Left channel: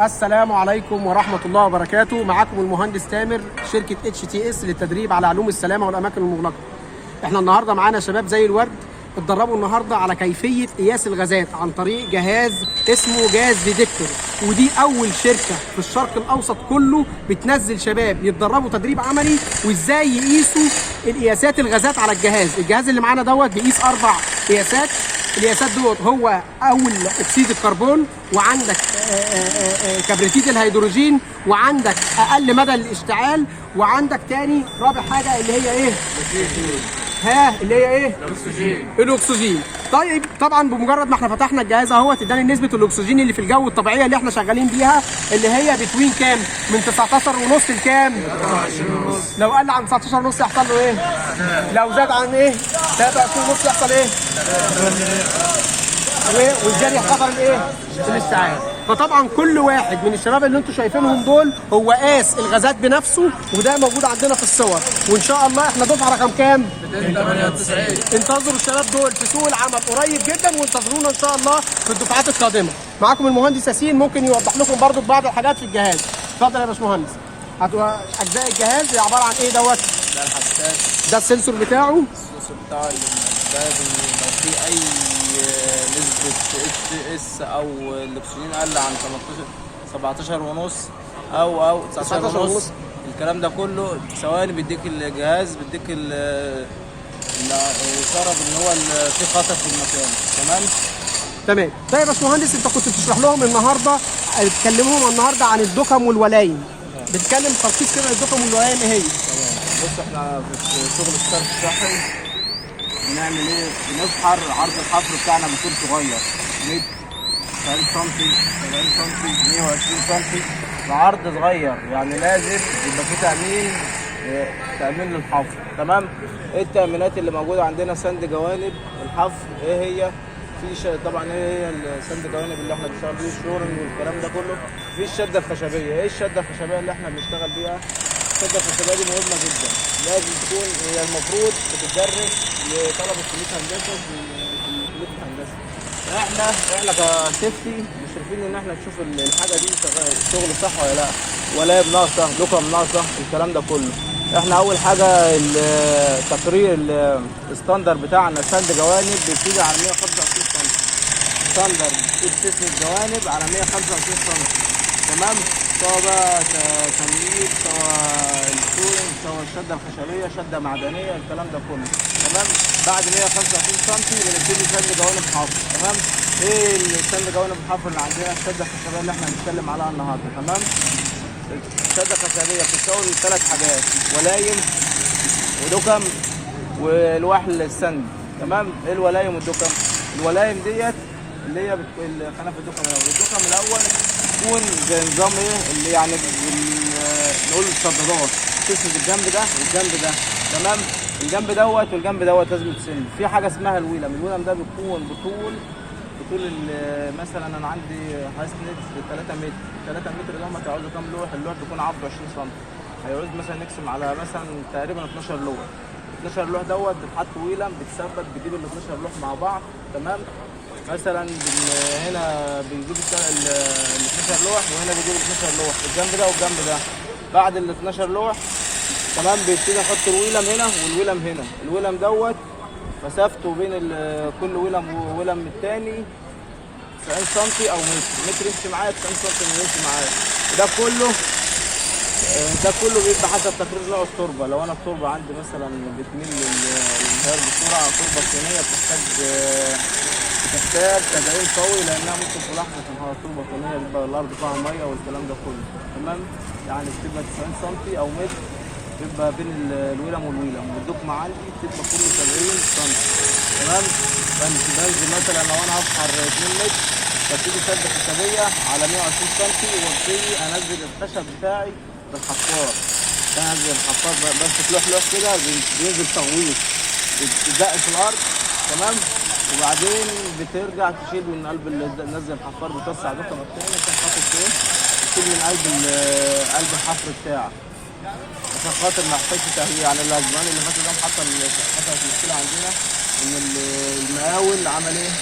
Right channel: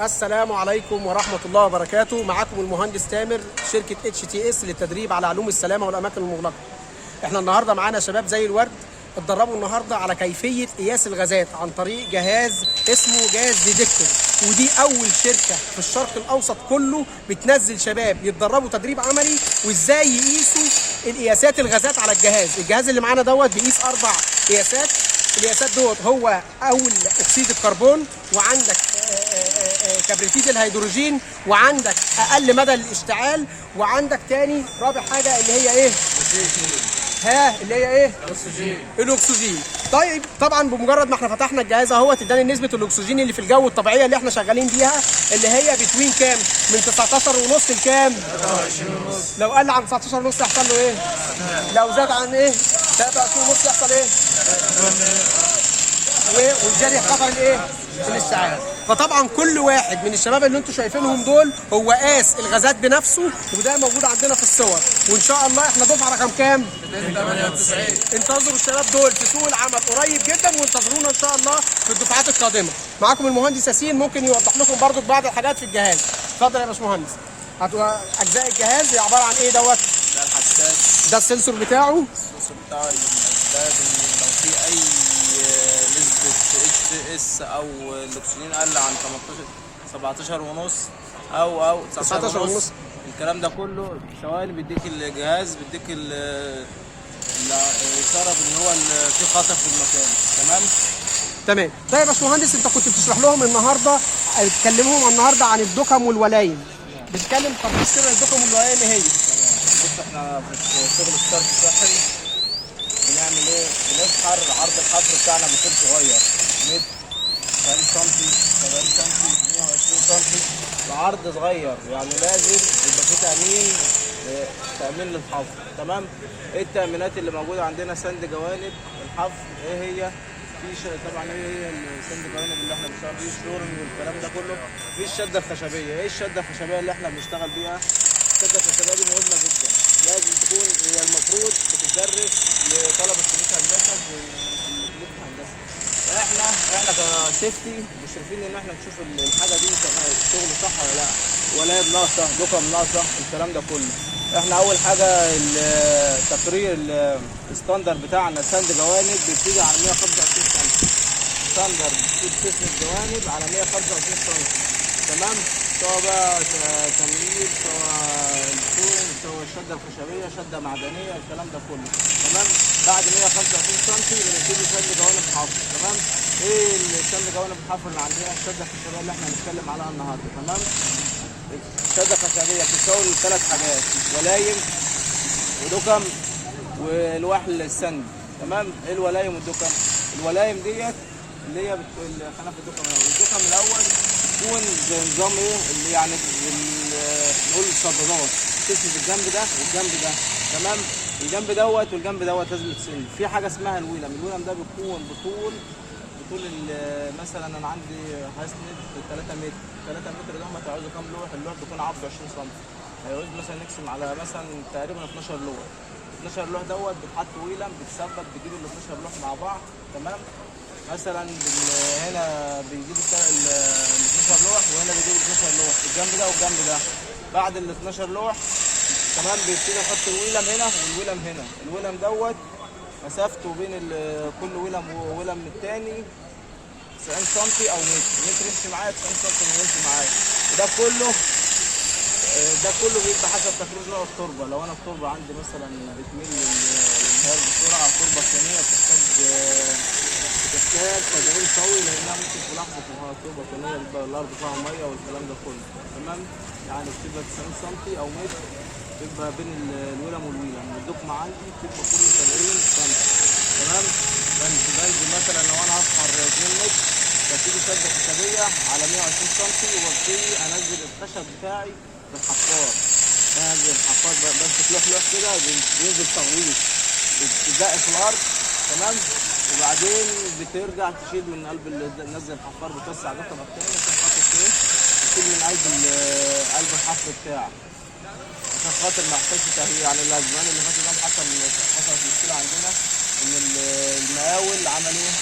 السلام عليكم ورحمة الله وبركاته. معاكم المهندس تامر، شركة HTS للتدريب على علوم السلامة والأماكن المغلقة. احنا النهاردة معانا شباب زي الورد اتدربوا النهاردة على كيفية قياس الغازات عن طريق جهاز اسمه جهاز ديتكتور، ودي أول شركة في الشرق الأوسط كله بتنزل شباب يتدربوا تدريب عملي وإزاي يقيسوا القياسات الغازات على الجهاز. الجهاز اللي معانا دوت بيقيس 4 قياسات. القياسات دوت هو اول اكسيد الكربون، وعندك كبريتيت الهيدروجين، وعندك اقل مدى الاشتعال، وعندك تاني رابع حاجه اللي هي ايه؟ اللي هي ايه؟ الاكسجين. طيب طبعا بمجرد ما احنا فتحنا الجهاز اهوت اداني نسبه الاكسجين اللي في الجو الطبيعيه اللي احنا شغالين بيها، اللي هي بتوين كام؟ من 19.5 لكام؟ لو قل عن 19.5 يحصل له ايه؟ لو زاد عن ايه؟ 23.5 يحصل ايه؟ والجري خطر الايه؟ الاشتعال. فطبعا كل واحد من الشباب اللي انتم شايفينهم دول هو قاس الغازات بنفسه، وده موجود عندنا في الصور. وان شاء الله احنا دفعه رقم كام؟ 298. انتظروا الشباب دول في سوق العمل قريب جدا، وانتظرونا ان شاء الله في الدفعات القادمه. معاكم المهندس ياسين، ممكن يوضح لكم برضو بعض الحاجات في الجهاز. اتفضل يا باشمهندس. اجزاء الجهاز هي عباره عن ايه دوت؟ ده الحساس، ده السنسور بتاعه. السوس بتاعه اللي من الاسباب ان لو في اي نسبة HTS او الاكسجين قل عن 17 ونص او 19 ونص، الكلام ده كله ثواني بيديك الجهاز، بيديك الاشاره ان هو في خطر في المكان. تمام. طيب يا باشمهندس، انت كنت بتشرح لهم النهارده، بتكلمهم النهارده عن الدكم والولايم. بتتكلم تركيز كده الدكم والولايم ايه هي؟ بص، احنا في شغل الصرف الصحي بنعمل ايه؟ بنسحر عرض الحفر بتاعنا بيكون صغير، متر 40 سم 70 سم 120 سم، بعرض صغير، يعني لازم يبقى في تأمين للحفر. تمام. ايه التأمينات اللي موجودة عندنا؟ سند جوانب الحفر. ايه هي؟ طبعا ايه هي السند جوانب اللي احنا بنشتغل بيه؟ الشورنج والكلام ده كله. في الشده الخشبيه. ايه الشده الخشبيه اللي احنا بنشتغل بيها؟ الشده الخشبيه دي مهمه جدا، لازم تكون هي المفروض بتدرس لطلبه كليه هندسه في كليه الهندسه. احنا كسيفتي مشرفين ان احنا نشوف الحاجه دي شغل صح ولا لا، ولا ناقصه، دكم ناقصه، الكلام ده كله. احنا اول حاجه التقرير الستاندر بتاعنا سند جوانب بيبتدي على 125 سم. ستاندر بتسند الجوانب على 125 سم. تمام. سواء بقى تمييز، سواء الشورنج، سواء الشده الخشبيه، شده معدنيه، الكلام ده كله. تمام. بعد 125 سم بنبتدي سند جوانب حفر. تمام. ايه السند جوانب الحفر اللي عندنا؟ الشده الخشبيه اللي احنا هنتكلم عليها النهارده. تمام. الشده الخشبيه بتتكون من 3 حاجات: ولايم ودكم والوحل السند. تمام. ايه الولايم والدكم؟ الولايم ديت اللي هي خلينا في الدكم الاول. الدكم الاول تكون زي نظام ايه اللي يعني نقول الصدادات، تسند الجنب ده والجنب ده. تمام. الجنب دوت والجنب دوت لازم تسند. في حاجه اسمها الويلم. الويلم ده بيكون بطول مثلا انا عندي هسند 3 متر. 3 متر دوت هيعوزوا كام لوح؟ اللوح بيكون عرضه 20 سم، هيعوز مثلا نقسم على مثلا تقريبا 12 لوح. 12 لوح دوت بتحط ويلم، بتثبت، بتجيب ال 12 لوح مع بعض. تمام. مثلا هنا بيجيب ال 12 لوح، وهنا بيجيب 12 لوح، الجنب ده والجنب ده. بعد ال 12 لوح تمام بيبتدي احط الويلم هنا والويلم هنا. الويلم دوت مسافته بين كل ويلم وويلم الثاني 90 سم او متر يمشي معايا، 90 سم يمشي معايا. ده كله بيبقى حسب تقرير نوع التربه. لو انا التربه عندي مثلا بتميل للانهيار بسرعه، تربه صينيه بتحتاج تدعيم قوي، لانها ممكن في لحظه انهيار تربه صينيه بيبقى الارض فيها ميه والكلام ده كله. تمام. يعني بتبقى 90 سم او متر بيبقى بين الويلم والويلم، والدكم عندي بتبقى كل 70 سم. تمام. بنزل مثلا لو انا هفحر 2 متر ببتدي شده خشبيه على 120 سم، وابتدي انزل الخشب بتاعي بالحفار. انزل الحفار بمسك لوح كده، بينزل تغويط، بتدق في الارض. تمام. وبعدين بترجع تشيل من قلب نزل الحفار، بتوسع دكمك تاني عشان خاطر ايه؟ تشيل من قلب الحفر بتاعك عشان خاطر ما يحتاجش تهويه. يعني الاسبوعين اللي فاتوا ده حصلت مشكله عندنا ان المقاول عمل ايه؟